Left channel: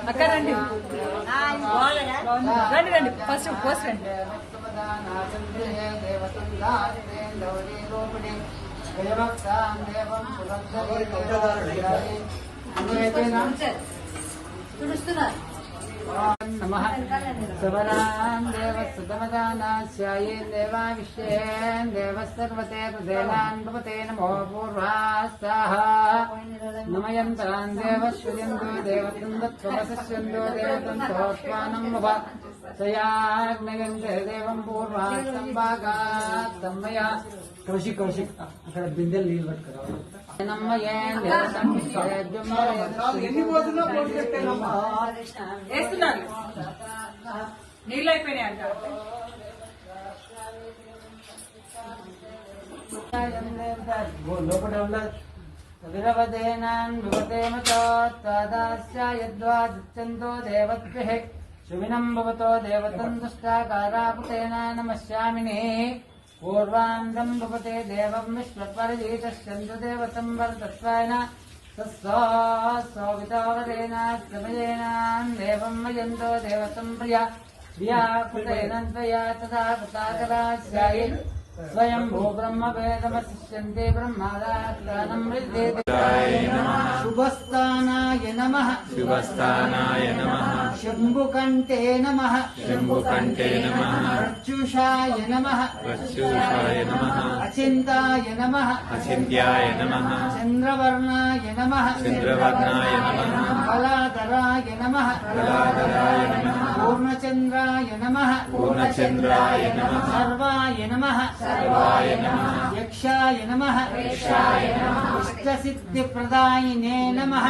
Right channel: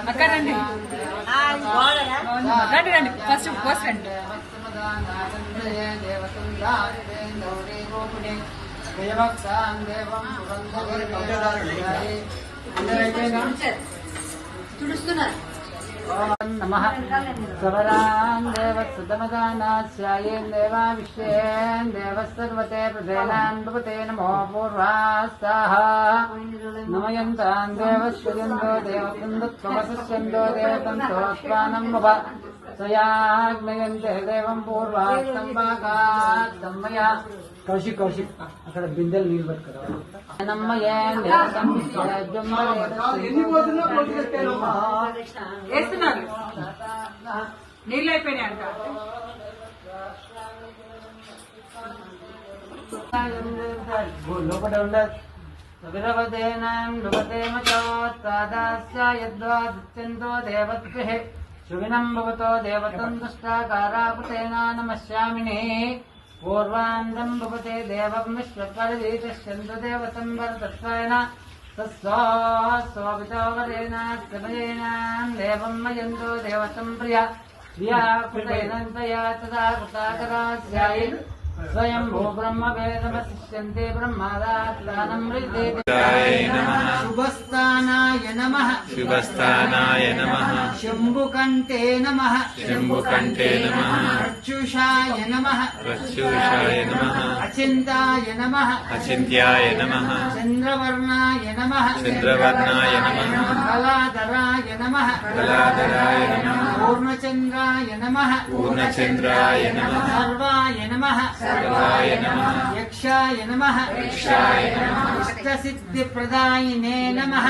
అక్క రండి రండి రండి ఫస్ట్ పోస్ట్ రండి. తుడుస్తున్నారు. నమః సవరాన్ దేవసుతమదానాస్యాయేన్ దేవా విశ్వేన్ దేవసర్వతే ప్రదేనాన్ భవతే నమో పూర్వాస్తాః నమయంతాన్ దేవశ్రుయందో దేవతందత్వమసస్యందో దేవతంతోత్వానం భవ స్వయాగ్నయంతే దేవం పూర్వాస్తం భాగాత్తమయ కౌశిక్ అక్కడ బిందెలు నీళ్ళు పట్టుకురా వేస్తున్నారు నీళ్ళు అయిపోయినాయి అంట. లోపల ఉండదు సువిరవదేనాం భవతే మచోత్తాదాస్యాయద్వాదిత్యంతో దేవద్భిః శుభినం భవతో దేవతం దుష్టాకారాపుతేనా నమస్యామినే పూర్వాందం భవతే దేవం విశ్వపరితశ్చంద్ర దేవతం వరదత్వేన తస్సోవితోవరేణ సమయేన దేవం మయంతో దేవతం ప్రియ ధియాకృతేనంతయా తదా కృతాకరాస్యాయ స్వయం భూ బ్రహ్మ వేదమశిష్యంతే బ్రహ్మాదానం శుభస్థానాయ నమః శుభస్థానాయ నమః శంభుకంఠే నమః శంభుకంఠే నమః ప్రత్యుషాయ నమః ప్రత్యూషాయ నమః అచింతాయ నమః అచింత్యాయ నమః చంద్రవర్ణాయ నమః చంద్రవర్ణాయ నమః కళాధరాయ నమః కళాధరాయ నమః పూర్ణచంద్రాయ నమః పూర్ణచంద్రాయ నమః సర్వాయ నమః సర్వాయ నమః యక్షాయ నమః యక్షాయ నమః ఇష్టసిద్ధిప్రదాయినే నమః